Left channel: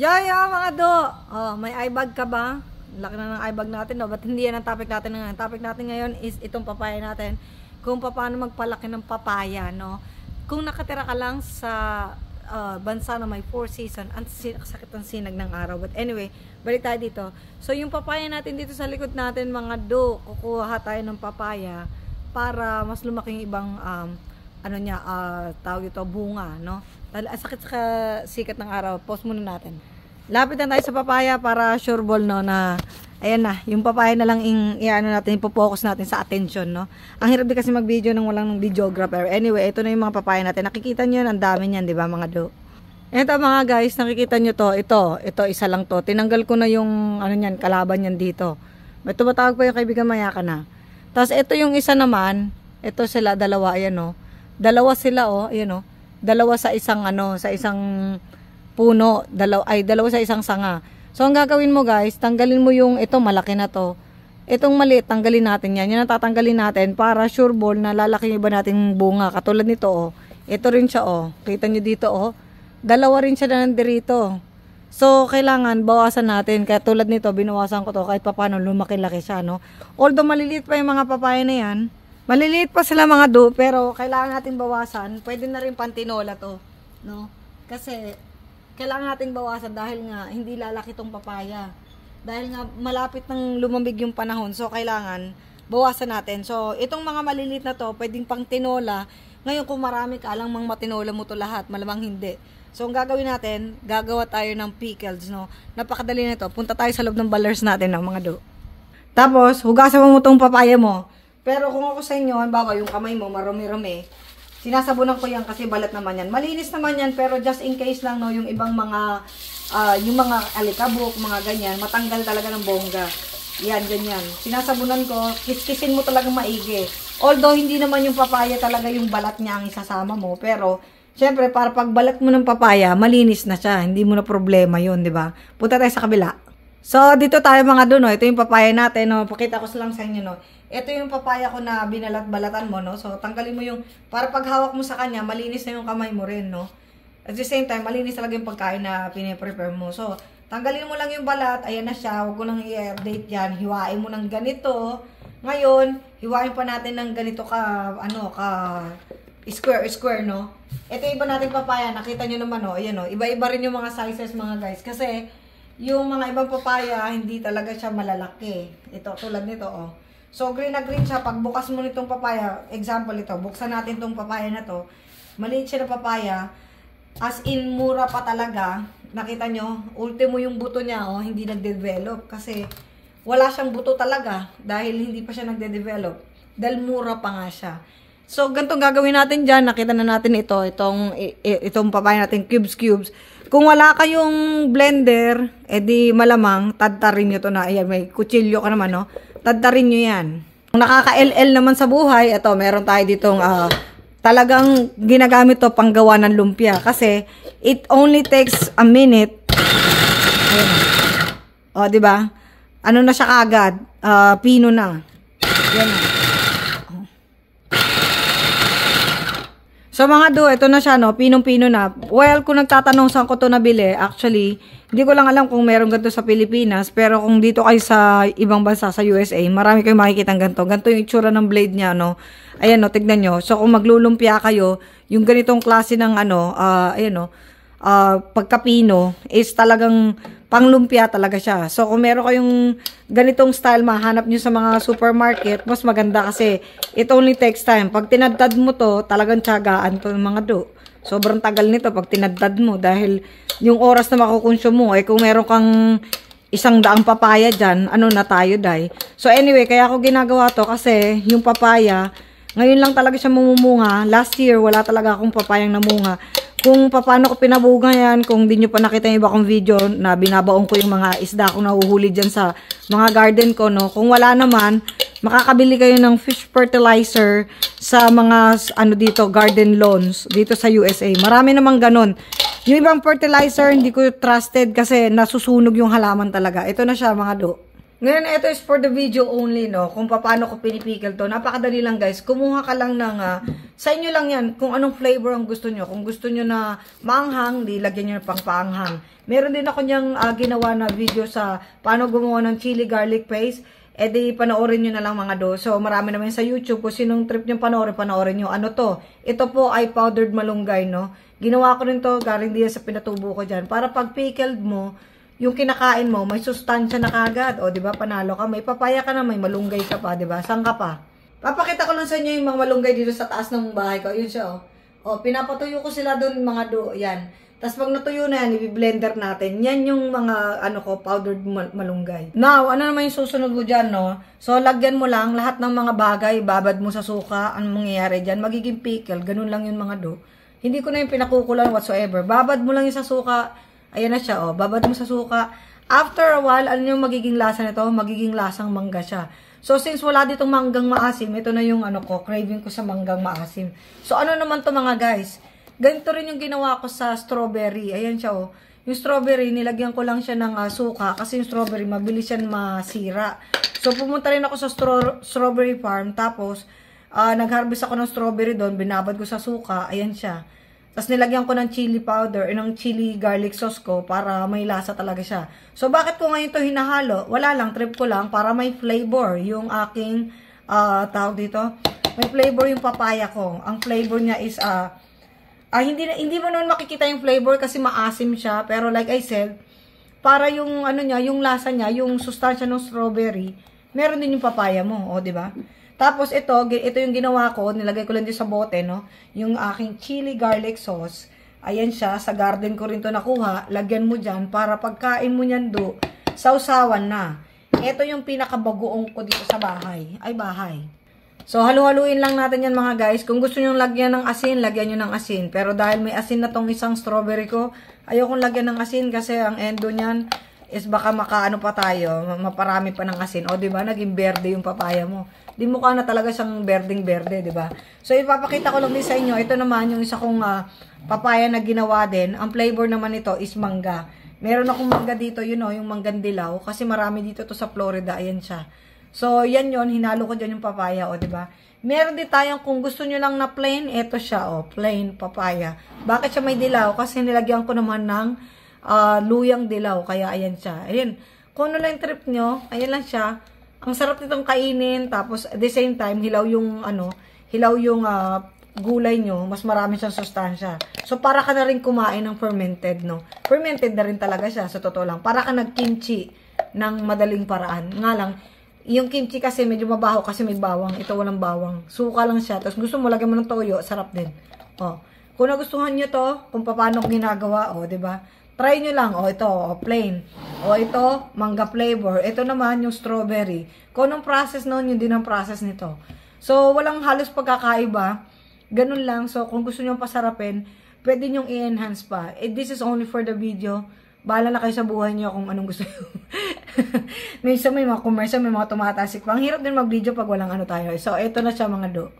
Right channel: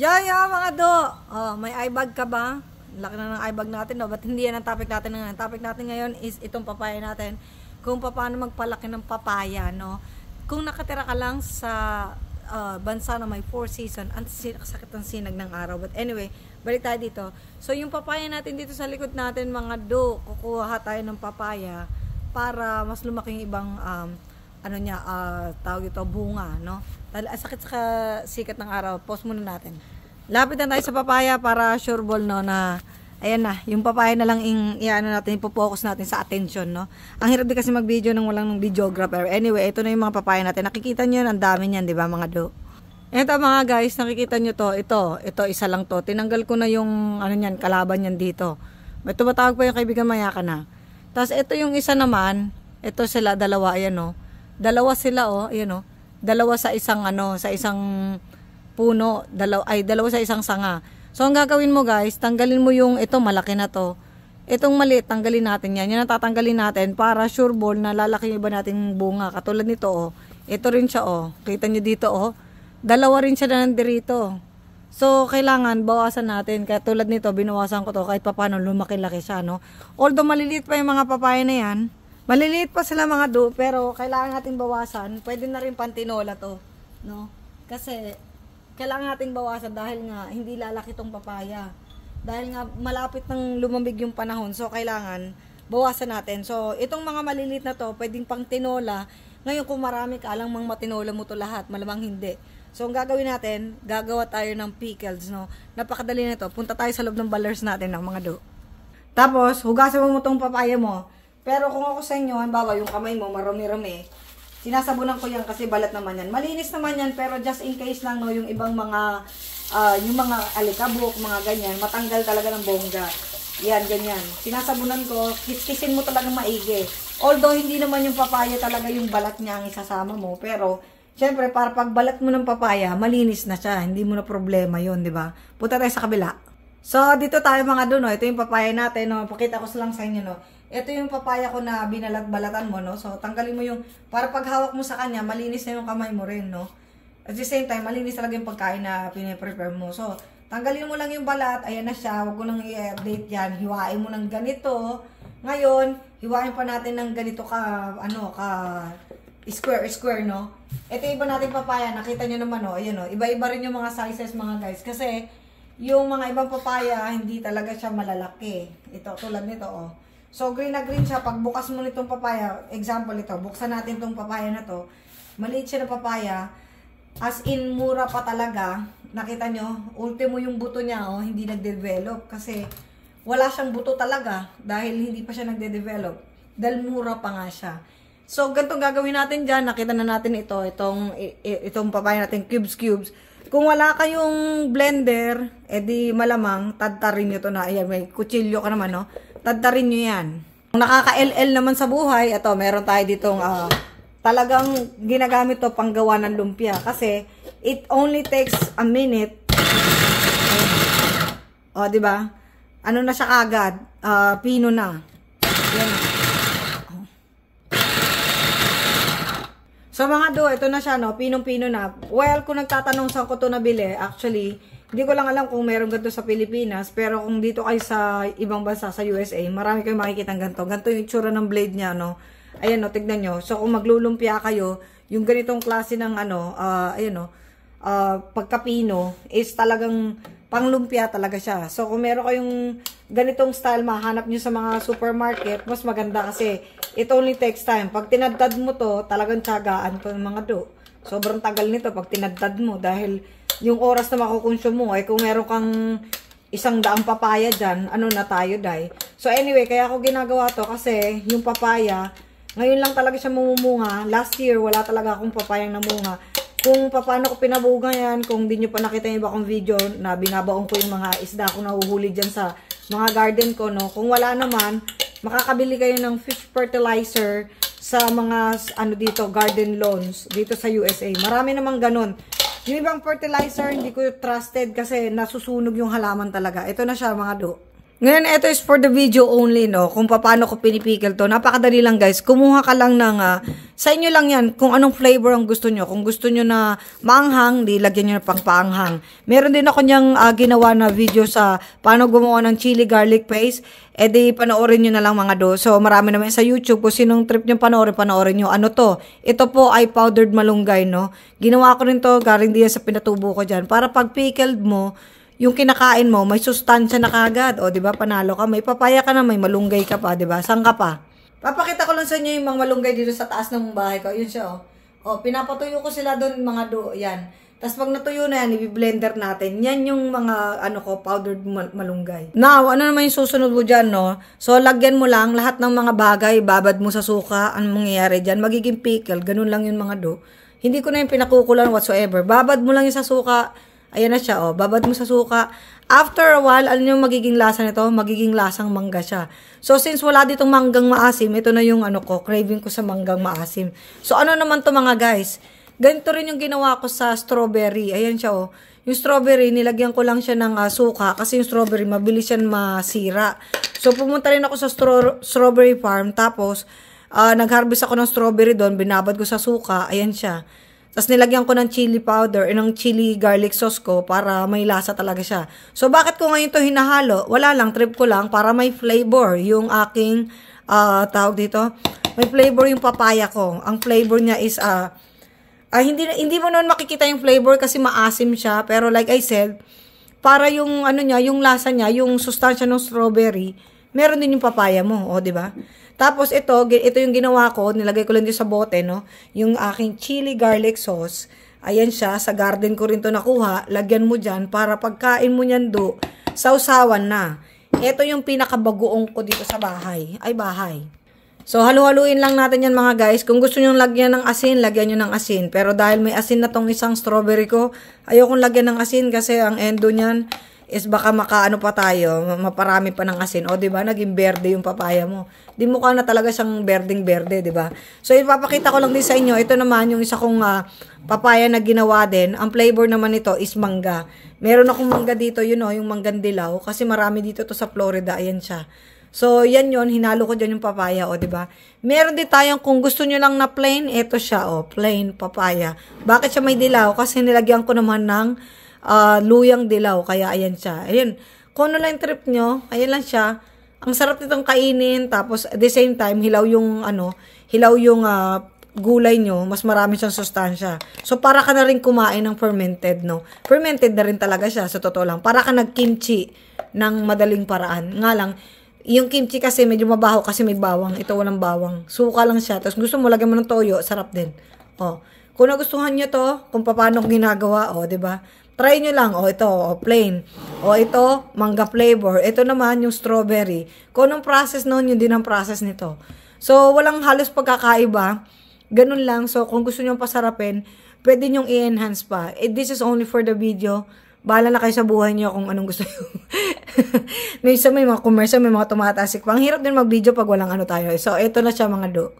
Yaya mga do, may eye bag ka ba? Laki na ng eye bag natin, no? Ba't hindi yan ang topic natin ngayon? Topic natin ngayon is itong papaya natin. Kung paano magpalaki ng papaya, no? Kung nakatira ka lang sa bansa na may 4 season, ang sakit ng sinag ng araw. But anyway, balik tayo dito. So yung papaya natin dito sa likod natin, mga do, kukuha tayo ng papaya para mas lumaki yung ibang tawag ito, bunga, no? Sakit sa sikat ng araw. Pause muna natin. Lapit na tayo sa papaya para sure ball, no, na ayan na, yung papaya na lang ipo-focus natin sa attention, no. Ang hirap din kasi mag-video nang walang videographer. Anyway, ito na yung mga papaya natin. Nakikita niyo, ang dami niyan, 'di ba, mga do? Ito mga guys, nakikita niyo to. Ito isa lang to. Tinanggal ko na yung kalaban niyan dito. May tumatawag pa yung kaibigan, maya ka na. Tapos ito yung isa naman, ito sila dalawa, ayan, no. Dalawa sila, ayan, no. Dalawa sa isang sa isang puno, dalawa sa isang sanga. So ang gagawin mo guys, tanggalin mo yung ito, malaki na to. Itong maliit, tanggalin natin yan. Yan ang tatanggalin natin para sure ball na lalaki yung iba nating bunga. Katulad nito, Ito rin siya, Kita nyo dito, Dalawa rin siya na nandirito. So kailangan bawasan natin. Kaya tulad nito, binawasan ko to kahit paano lumaki-laki siya, no. Although maliliit pa yung mga papaya na yan, maliliit pa sila mga do, pero kailangan natin bawasan. Pwede na rin pantinola to, no? Kasi kailangan natin bawasan dahil nga hindi lalaki tong papaya. Dahil nga malapit nang lumamig yung panahon, so kailangan bawasan natin. So itong mga maliliit na to, pwedeng pang tinola. Ngayon kung marami ka lang mang matinola mo to lahat, malamang hindi. So ang gagawin natin, gagawa tayo ng pickles, no? Napakadali nito. Punta tayo sa loob ng ballers natin ng mga do. Tapos hugasan mo tong papaya mo. Pero kung ako sa inyo, halimbawa yung kamay mo marumi-rumi, sinasabunan ko yan kasi balat naman yan. Malinis naman yan, pero just in case lang, no, yung ibang mga yung mga alikabok, mga ganyan, matanggal talaga ng bongga. Yan, ganyan. Sinasabunan ko, kiskisin mo talaga maigi. Although hindi naman yung papaya talaga yung balat niya ang isasama mo, pero syempre para pag balat mo ng papaya, malinis na siya. Hindi mo na problema yun, di ba? Punta tayo sa kabila. So dito tayo mga doon, no. Ito yung papaya natin, no. Pakita ko lang sa inyo, no. Ito yung papaya ko na binalat-balatan mo, no? So, tanggalin mo yung, para pag hawak mo sa kanya, malinis na yung kamay mo rin, no? At the same time, malinis talaga yung pagkain na piniprepare mo. So, tanggalin mo lang yung balat, ayan na siya, huwag ko nang i-update yan, hiwain mo ng ganito. Ngayon, hiwain pa natin ng ganito square, no? Ito iba natin papaya, nakita nyo naman, no? Ayan, no? Iba-iba rin yung mga sizes, mga guys, kasi yung mga ibang papaya, hindi talaga siya malalaki. Ito, tulad nito, So, green na green siya. Pag bukas mo nitong papaya, example ito, buksan natin tong papaya na to. Maliit siya na papaya. As in, mura pa talaga. Nakita nyo, ultimo yung buto niya, hindi nagde-develop. Kasi, wala siyang buto talaga. Dahil hindi pa siya nagde-develop. Dahil mura pa nga siya. So, ganitong gagawin natin dyan. Nakita na natin ito. Itong papaya natin, cubes. Kung wala kayong blender, edi malamang, tadtarin nyo to na. Ayan, may kutsilyo ka naman, no? Tadtarin nyo yan. Kung nakaka-LL naman sa buhay, ito, meron tayo ditong talagang ginagamit to panggawa ng lumpia. Kasi, it only takes a minute. Ayan. Diba? Ano na siya kaagad? Pino na. Yan. So mga do, ito na siya, no? Pinong-pino na. Well, kung nagtatanong saan ko to nabili, actually, hindi ko lang alam kung meron ganito sa Pilipinas, pero kung dito kayo sa ibang bansa, sa USA, marami kayong makikita ng ganito. Ganito yung itsura ng blade niya, no? Ayan, no, tignan nyo. So kung maglulumpia kayo, yung ganitong klase ng pagkapino is talagang panglumpia talaga siya. So kung meron kayong ganitong style, mahanap nyo sa mga supermarket, mas maganda kasi it only takes time. Pag tinadtad mo to, talagang tiyagaan to ng mga do. Sobrang tagal nito pag tinadtad mo dahil yung oras na makukonsume mo, kung meron kang 100 papaya dyan, na tayo, day. So anyway, kaya ako ginagawa to kasi yung papaya, ngayon lang talaga siya mamumunga. Last year, wala talaga akong papayang namunga. Kung paano ko pinabuga yan, kung di nyo pa nakita yung iba kong video na binabaong ko yung mga isda kong nahuhuli dyan sa mga garden ko, no? Kung wala naman, makakabili kayo ng fish fertilizer sa mga, dito, garden lawns, dito sa USA. Marami namang ganun. Yung ibang fertilizer, hindi ko trusted kasi nasusunog yung halaman talaga. Ito na siya, mga do. Ngayon, ito is for the video only, no? Kung paano ko pinipikil to. Napakadali lang, guys. Kumuha ka lang ng, sa inyo lang yan, kung anong flavor ang gusto nyo. Kung gusto nyo na maanghang, di lagyan nyo na pang paanghang. Meron din ako niyang ginawa na video sa paano gumawa ng chili garlic paste. E di, panoorin nyo na lang mga do. So, marami naman sa YouTube. Kung sinong trip nyo panoorin nyo. Ano to? Ito po ay powdered malunggay, no? Ginawa ko rin to, galing diyan sa pinatubo ko dyan. Para pag pickled mo, yung kinakain mo, may sustansya na kagad. O, di ba, panalo ka. May papaya ka na, may malunggay ka pa, di ba? Saan ka pa? Papakita ko lang sa inyo yung mga malunggay dito sa taas ng bahay ko. Yun siya, o. O, pinapatuyo ko sila doon, mga do. Yan. Tapos pag natuyo na yan, i-blender natin. Yan yung mga, powdered malunggay. Now, ano naman yung susunod mo dyan, no? So, lagyan mo lang lahat ng mga bagay, babad mo sa suka. Anong mangyayari dyan? Magiging pickle. Ganun lang yung mga do. Hindi ko na yung pinakukulan whatsoever. Babad mo lang yung sa suka. Ayan na siya, oh. Babad mo sa suka. After a while, ano yung magiging lasa nito? Magiging lasang mangga siya. So, since wala ditong manggang maasim, ito na yung craving ko sa manggang maasim. So, ano naman to mga guys? Ganito rin yung ginawa ko sa strawberry. Ayan siya, oh. Yung strawberry, nilagyan ko lang siya ng suka. Kasi yung strawberry, mabilis yan masira. So, pumunta rin ako sa strawberry farm. Tapos, nag-harvest ako ng strawberry doon. Binabad ko sa suka. Ayan siya. Tapos nilagyan ko ng chili powder, ng chili garlic sauce ko para may lasa talaga siya. So, bakit ko ngayon ito hinahalo? Wala lang, trip ko lang para may flavor yung aking, tawag dito, may flavor yung papaya ko. Ang flavor niya is, hindi mo naman makikita yung flavor kasi maasim siya. Pero like I said, para yung, yung lasa niya, yung sustansya ng strawberry, meron din yung papaya mo, o, diba? Tapos ito yung ginawa ko, nilagay ko lang din sa bote, no? Yung aking chili garlic sauce. Ayan siya, sa garden ko rin to nakuha. Lagyan mo dyan para pagkain mo nyan do, sausawan na. Ito yung pinakabagoong ko dito sa bahay. So, halu-haluin lang natin yan mga guys. Kung gusto nyo lagyan ng asin, lagyan nyo ng asin. Pero dahil may asin na tong isang strawberry ko, ayokong lagyan ng asin kasi ang endo nyan is baka makaano pa tayo, maparami pa ng asin. O, diba? Naging berde yung papaya mo. Di mukha na talaga siyang berdeng-berde, di ba? So, ipapakita ko lang din sa inyo. Ito naman yung isa kong papaya na ginawa din. Ang flavor naman nito is mangga. Meron akong mangga dito, yung manggang dilaw. Kasi marami dito to sa Florida. Ayan siya. So, yan yon, hinalo ko dyan yung papaya, o, di ba? Meron din tayong, kung gusto nyo lang na plain, ito siya, o, plain papaya. Bakit siya may dilaw? Kasi nilagyan ko naman ng luyang dilaw. Kaya, ayan siya. Ayan. Kung ano lang yung trip nyo, ayan lang siya. Ang sarap nitong kainin, tapos at the same time, hilaw yung gulay nyo, mas marami siyang sustansya. So, para ka na rin kumain ng fermented, no? Fermented na rin talaga siya, sa totoo lang. Para ka nag-kimchi ng madaling paraan. Nga lang, yung kimchi kasi medyo mabaho kasi may bawang. Ito walang bawang. Suka lang siya. Tapos gusto mo, lagyan mo ng toyo, sarap din. O, kung nagustuhan nyo to, kung paano ginagawa, o, diba? Try nyo lang. O, ito, plain. O, ito, mangga flavor. Ito naman, yung strawberry. Kung anong process nun, yun din ang process nito. So, walang halos pagkakaiba. Ganun lang. So, kung gusto nyo pasarapin, pwede nyo i-enhance pa. This is only for the video. Bahala na kayo sa buhay nyo kung anong gusto nyo. Minsan may mga commercial, may mga tumatasik pa. Ang hirap din mag-video pag walang tayo. So, ito na siya mga do.